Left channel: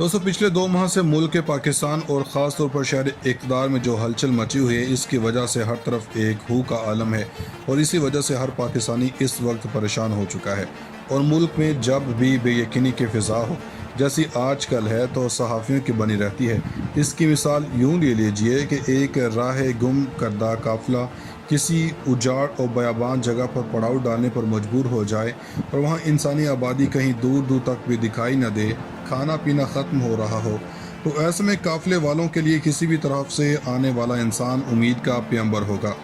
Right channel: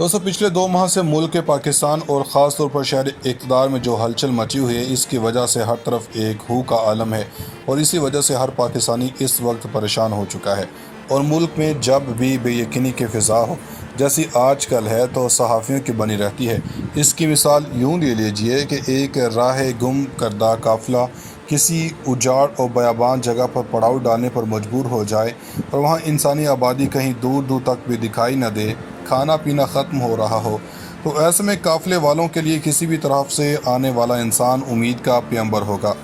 दोस्तों पिछले 2 माह से मुल्क के पाकिस्तान और ख़ास तौर पर शहर इक़्तिदार में जो हलचल मची हुई है, इसकी वजह से हर तरफ एक हू का आलम है और इसी वजह से हर पाकिस्तानी इस वक्त परेशान हो चुका है। और मुल्क में जब भी बेयकीनी की फ़िज़ा हो जैसी आजकल है तो सहाफ़ियों की बनी रहती है। इसकी मिसाल यूँ ले लीजिए कि एक राह गुम करदा काफ़िला किसी उजाड़ और बयाबान जगह पर पड़ाव डालने पर मजबूर हो जाए और वहाँ इंसानी आबादी कहीं दूर दूर तक भी दिखाई न दे, खाना पीना ख़त्म हो रहा हो, तो ऐसे में काफ़िले वालों के लिए किसी भी तरफ से आने वाला इंसान उम्मीद का पैगंबर होगा,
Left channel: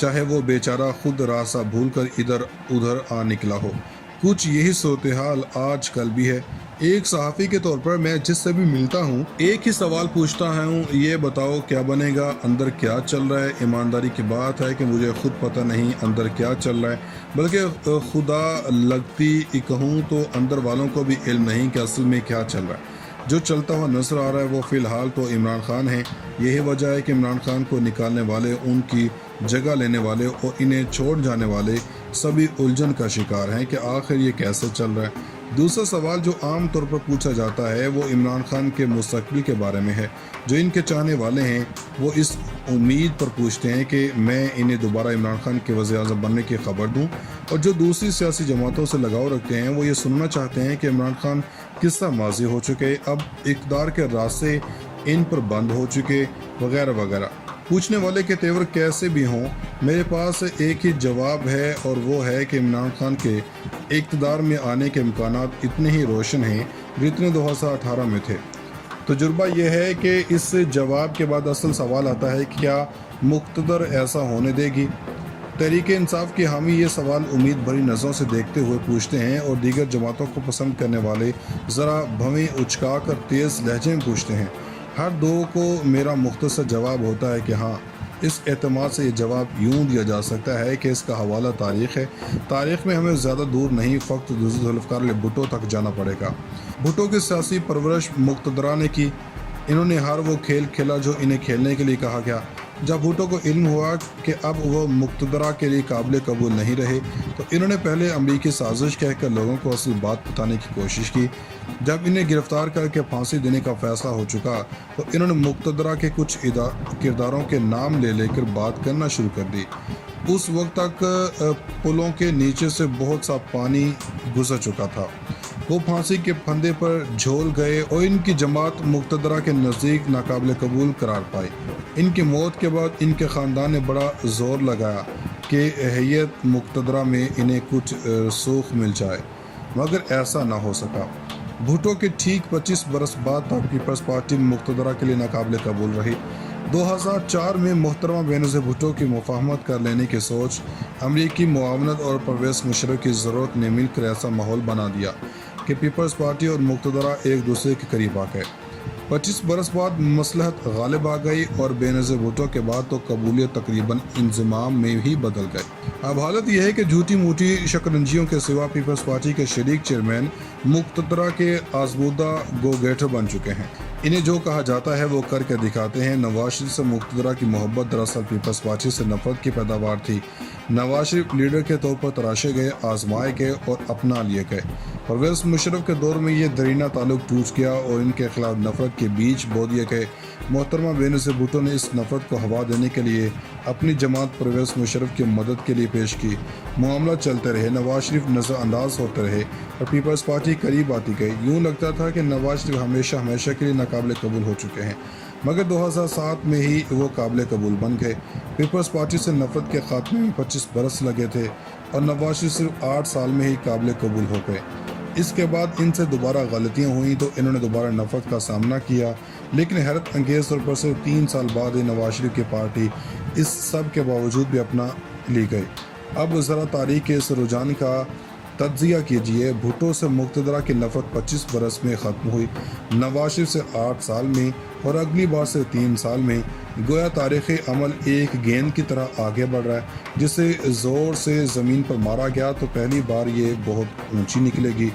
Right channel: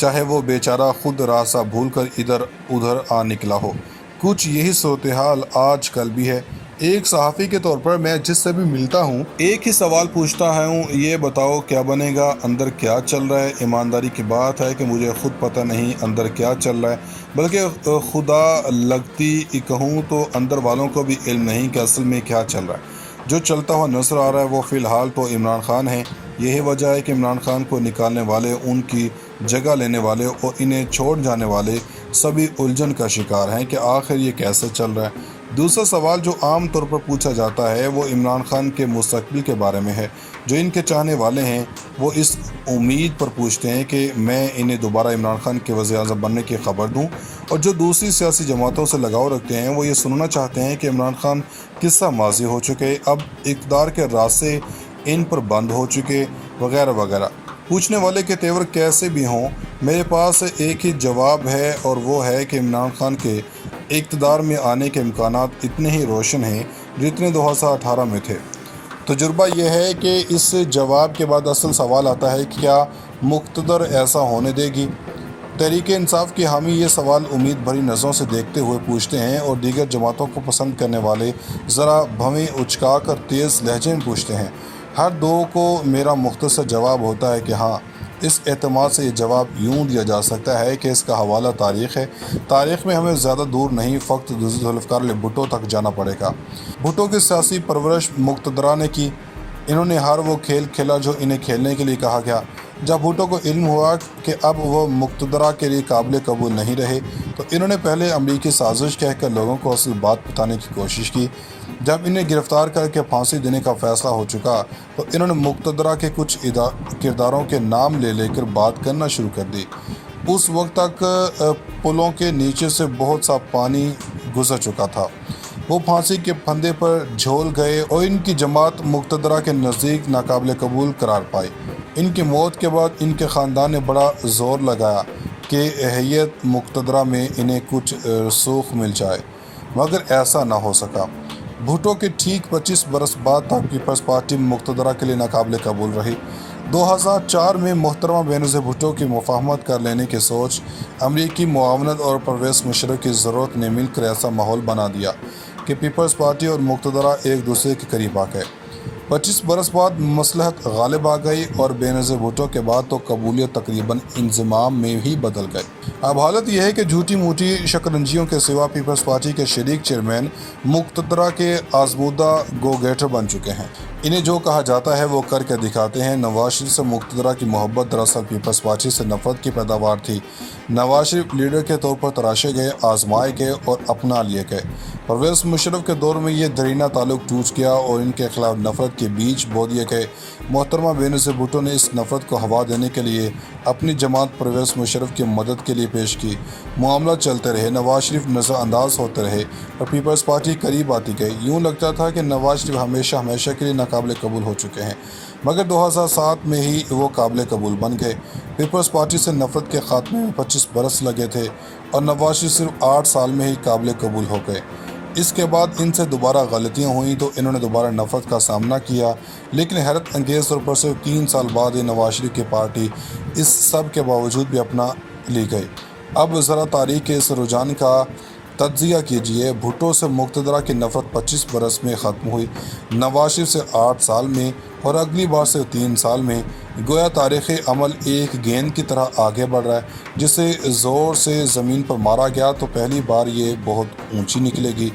चाहे वो बेचारा खुद रास्ता भूल कर इधर उधर आ निकला हो। कुछ यही सूरत हाल आज कल भी है। एक सहाफ़ी के तौर पर मैं जिससे भी मिलता हूँ एक ही सवाल पूछता हूँ, ये बताओ क्या बनेगा, अंदर क्या चल रहा है। ईमानदारी की बात है कि मुझे खुद पता नहीं अंदर क्या चल रहा है, बल्कि खुदा लगती कहूँ तो अंदर वालों को भी इल्म नहीं कि असल में क्या चल रहा है। जो चलता हुआ नजर आ रहा है वो फ़िलहाल तो इमरान खान है। यही वजह है कि इमरान खान को निकालने वाले, उनकी जगह लेने वाले और इन्हें छोड़ जाने वाले सभी उलझन का शिकार हैं कि आखिर ये कैसे चल रहा है। दूसरा सवाल जो आम तौर पर पूछा जाता है वो इमरान खान के मुस्तकबिल के बारे में है। जो इनके चाहने वाले हैं वो इस उम्मीद पर पूछते हैं कि मैं इन्हें दोबारा इमरान खान के वज़ीर-ए-आज़म बनने की खबर दूं, और जो दूसरी सियासी जमातों से लगाव रखते हैं वो ये सुनना चाहते हैं कि इमरान खान किस्सा माजी हो चुके, अब इक़्तिदार के रास्ते इन पर बंद हो चुके, वगैरह वगैरह। पूछने वाले के तेवर कैसे भी हों, मेरे पास एक ही जवाब है और वो है कि इमरान खान के इक़्तिदार में आने के इम्कानात इतने ही रोशन हैं जितने 2018 में थे। तजुर्बा यह है कि इस जवाब के बाद असल सवाल आता है कि क्या मुक़्तदर ऐसा होने देगी। तहरीक-ए-इंसाफ के हामी ये सवाल उम्मीद भरी नज़रों से देखते हुए पूछते हैं और दीगर जमातों को पसंद करने वाले ज़रा भवें उचका कर तेज़ लहजे में पूछते हैं। हर दो को मेरा मुख्तसर जवाब होता है कि हाँ। इस एतमाद से ये जवाब यूँ दिया जा सकता है कि इसका हवाला तारीख़ है। तारीख़ में हमें ज़्यादा दूर नहीं, फ़क्त ज़ुल्फ़िकार भुट्टो तक जाना पड़ेगा। भुट्टो की सियासी परवरिश मुक़्तदरा ने की। इन्होंने हर वो खेल खेला जो इन्हें खेलने के लिए कहा गया। जब भुट्टो को इल्म हुआ कि अब वो मुक़्तदरा के लिए काबिल कबूल नहीं रहे तो इन्होंने पहले अमरीकी साजिश कहकर लोगों को असल बात बताने की कोशिश की। जब इन्हें गिरफ़्तार करके फांसी देने का फ़ैसला हो चुका तो इन्होंने मुक़्तदरा के कुछ किरदारों के नाम ले लेकर बात करना शुरू कर दी। उस वक्त तक पुलों के नीचे से बहुत सा पानी गुजर चुका था। वो फांसी के फंदे पर झोल गए और इनकी जमात मुक़्तदरा के नज़दीक नाकाबिल कबूल करार पाई। इनकी मौत के बाद इनके ख़ानदान ने बड़ा ज़ोर लगाया कि हैयत मुक़्तदरा में इन्हें कुछ सूख मिल जाए, मगर ऐसा ना हो सका। भुट्टो के ठीक 25 बरस बाद तक पीपल्स पार्टी मुक़्तदरा के लिए नाकाबिल कबूल रही। 2004 में मोहतरमा बेनज़ीर भुट्टो की मुफ़ाहमत कर लेने की सोच, अमरीकी मुआवनत और परवेज़ मुशर्रफ की ज़रूरत ने मिलकर ऐसा माहौल बना दिया कि पीपल्स पार्टी और मुक़्तदरा एक दूसरे के करीब आ गए। 25 बरस बाद मसलहत गालिब आ गई और बेनज़ीर भुट्टो के बाद तो कबूलियत तकरीबन इंज़माम में ही बदल गए। अब हालत यह है कि झूठी मूठी शकरंजियों के सिवा पीपल्स पार्टी के शरीक चेयरमैन मुक़्तदरा के आज़मूदा गो गेटर बन चुके हैं। इन्हें जो कहा जाता है वो करके दिखाते हैं। नवाज शरीफ से मुक़्तदरा की मोहब्बत दरअसल पीपल्स पार्टी से नफरत की पैदावार थी। नवाज शरीफ लीडर के तौर पर तराशे गए, आजमाए गए और अपना लिए गए। परवेज़ मुशर्रफ के दौर में ये दरीना ताल्लुक टूट गया और इनके खिलाफ नफरत के बीज बो दिए गए। मोहतरमा बेनज़ीर भुट्टो ने इस नफरत को हवा देने के लिए अपनी जमात परवेज़ मुशर्रफ की मदद के लिए पेश की। मामला चलते रहे, नवाज शरीफ नज़रअंदाज होते रहे और पीपल्स पार्टी करीब आती गई। यूँ लगता था कि नवाज शरीफ हमेशा के लिए नाकाबिल कबूल हो चुके हैं, मगर 2007 में ही वो काबिल कबूल बन गए। पीपल्स पार्टी से नफरत के खात्मे में 25 बरस लगे थे और नवाज शरीफ सिर्फ 8 साल में ही काबिल कबूल हो गए। इसके बाद इनसे दोबारा गलतियां हुई तो इन्होंने दोबारा नफरत का सामना किया, लेकिन हैरत अंगेज़ तौर पर सिर्फ 3 साल बाद ही नवाज शरीफ की पार्टी इस सब के बावजूद भी अपना ली गई। अब ज़रा तारीख़ के इस रुझान का तज्ज़िया कीजिए। भुट्टो से मुक़्तदरा की नफ़रत 25 बरस में ख़त्म हुई, नवाज शरीफ से 8 साल में और अगली बार से 3 साल में। गोया तारीख़ी अमल एक गेंद की तरह आगे बढ़ रहा है, जिसे ज़ोर से ज़मीन पर मारा गया तो पहली बार ये बहुत ऊंची निकलेगी,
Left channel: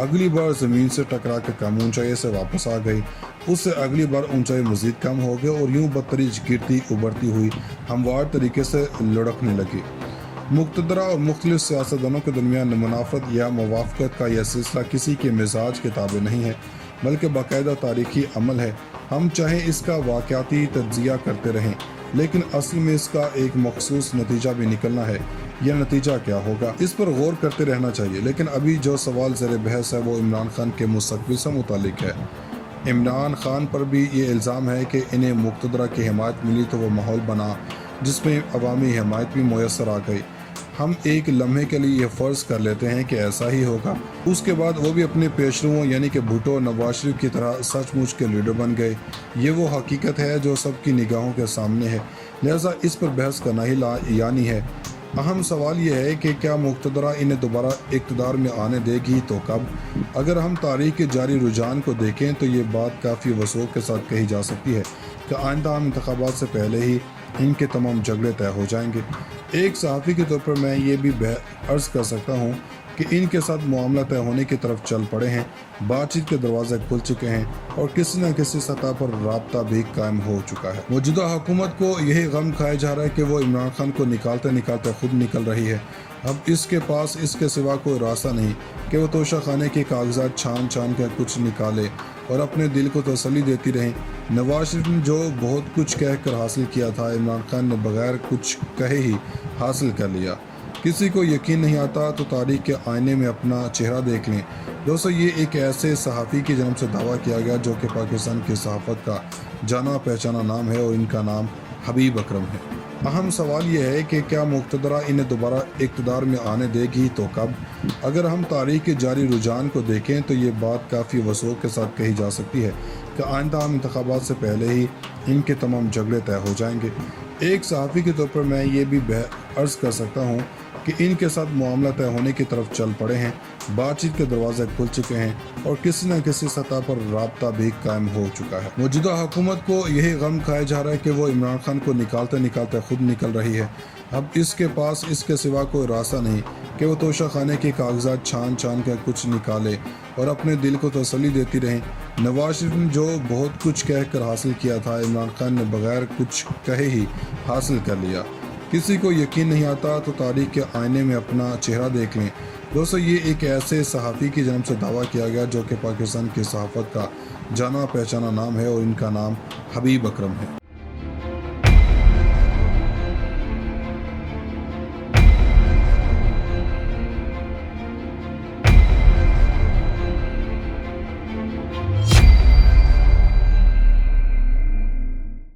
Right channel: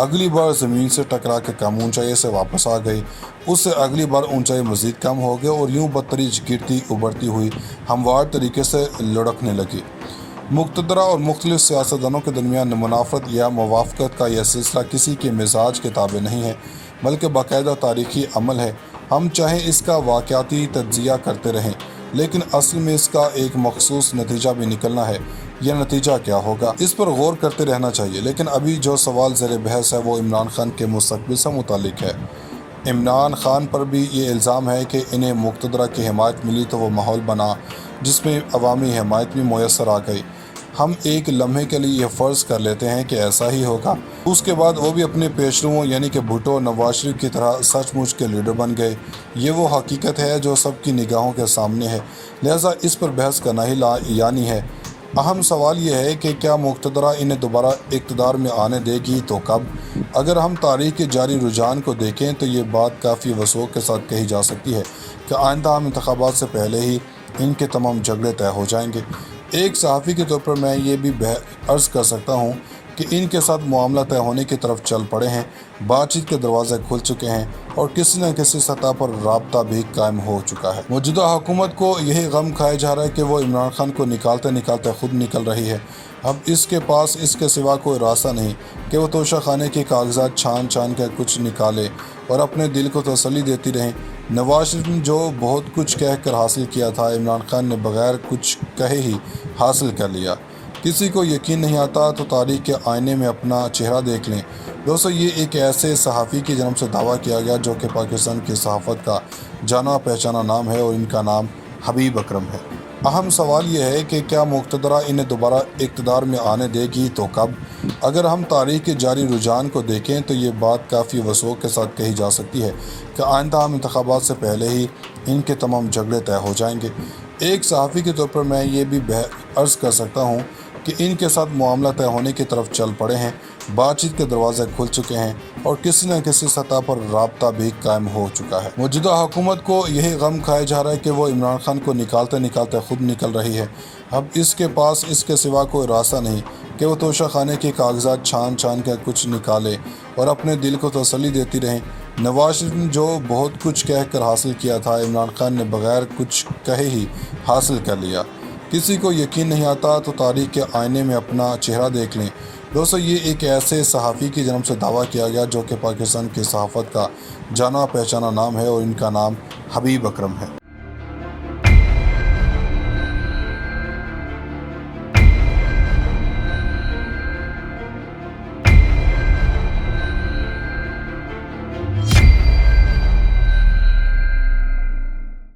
अगली बार ज़मीन से टकरा के कम ऊंचाई से वापस आ गई, उससे अगली बार ऊंचाई मज़ीद कम हो गई और यूँ बदतरीज गिरती उभरती हुई हमवार तरीके से लुढ़कने लगी। मुक़्तदरा और मुख्तलिफ सियासतदानों के दरमियान मुनाफ़रत या मुवाफ़क़त का यह सिलसिला किसी के मिजाज के ताबे नहीं है। بلکہ باقاعدہ تاریخی عمل ہے۔ ہم چاہے اس کا واقعاتی تجزیہ کرتے رہیں، لیکن اصل میں اس کا ایک مخصوص نتیجہ بھی نکلنا ہے۔ یہ نتیجہ کیا ہوگا، اس پر غور کرتے رہنا چاہیے۔ لیکن ابھی جو سوال زیر بحث ہے وہ عمران خان کے مستقبل سے متعلق ہے۔ عمران خان پر بھی یہ الزام ہے کہ انہیں مقتدرہ کی حمایت ملی تو وہ ماحول بنا جس میں عوامی حمایت بھی میسر آ گئی۔ ہم ایک لمحے کے لیے یہ فرض کر لیتے ہیں کہ ایسا ہی ہوگا۔ اس کے بعد وہ بھی اپنے پیشروؤں یعنی کہ بھٹو، نواز شریف کی طرح سچ مچ کے لیڈر بن گئے۔ یہ وہ حقیقت ہے جو سب کی نگاہوں کے سامنے ہے، لہٰذا اس پر بحث کرنا ہی یعنی ہے۔ اہم سوال یہ ہے کہ کیا مقتدرہ انہیں دوبارہ اقتدار میں آنے دے گی تو کب؟ اگر ہم تاریخ کے جاری رجحان کو دیکھیں تو یہ بات کافی وثوق کے ساتھ کہی جا سکتی ہے کہ آئندہ عام انتخابات سے پہلے ہی ان کے تمام جھگڑے طے ہو جائیں گے۔ ایک صحافی کے طور پر میں یہ بھی عرض کر سکتا ہوں کہ ان کے ساتھ معاملہ طے ہونے کی طرف چل پڑے ہیں، بات چیت کے دروازے کھل چکے ہیں اور کسی نہ کسی سطح پر رابطہ بھی قائم ہو چکا ہے۔ موجودہ حکومت کو یہی غم کھایا جا رہا ہے کہ وہ عمران خان کو نکالتے نکالتے خود نکل رہی ہے۔ اب اس کے پاس اس کے سوا کوئی راستہ نہیں کہ وہ توشہ خانے کے کاغذات چھان چھان کر کچھ نکالے اور اپنے دل کو تسلی دیتی رہیں۔ نواز شریف نے جو بہت کچھ کہہ کر حاصل کیا تھا، عمران خان نے بغیر کچھ کہے ہی حاصل کر لیا۔ کسی کو یقین نہیں آتا تو تاریخ کے آئینے میں اپنا چہرہ دیکھ لیں۔ دوستو، یہ ایک ایسے صحافی کی جانب سے دعویٰ کیا گیا جو کہ پاکستان کی صحافت کا جانا پہچانا نام ہے اور ان کا نام حبیب اکرم ہے۔ اہم سوال یہ ہے کہ کیا مقتدرہ انہیں دوبارہ اقتدار میں آنے دے گی تو کب؟ اگر ہم تاریخ کے جاری رجحان کو دیکھیں تو یہ بات کافی وثوق کے ساتھ کہی جا سکتی ہے کہ آئندہ عام انتخابات سے پہلے ہی ان کے تمام جھگڑے طے ہو جائیں گے۔ ایک صحافی کے طور پر میں یہ بھی عرض کر سکتا ہوں کہ ان کے ساتھ معاملہ طے ہونے کی طرف چل پڑے ہیں، بات چیت کے دروازے کھل چکے ہیں اور کسی نہ کسی سطح پر رابطہ بھی قائم ہو چکا ہے۔ موجودہ حکومت کو یہی غم کھایا جا رہا ہے کہ وہ عمران خان کو نکالتے نکالتے خود نکل رہی ہے۔ اب اس کے پاس اس کے سوا کوئی راستہ نہیں کہ وہ توشہ خانے کے کاغذات چھان چھان کر کچھ نکالے اور اپنے دل کو تسلی دیتی رہیں۔ نواز شریف نے جو بہت کچھ کہہ کر حاصل کیا تھا، عمران خان نے بغیر کچھ کہے ہی حاصل کر لیا۔ کسی کو یقین نہیں آتا تو تاریخ کے آئینے میں اپنا چہرہ دیکھ لیں۔ دوستو، یہ ایک ایسے صحافی کی جانب سے دعویٰ کیا گیا جو کہ پاکستان کی صحافت کا جانا پہچانا نام ہے اور ان کا نام حبیب اکرم ہے۔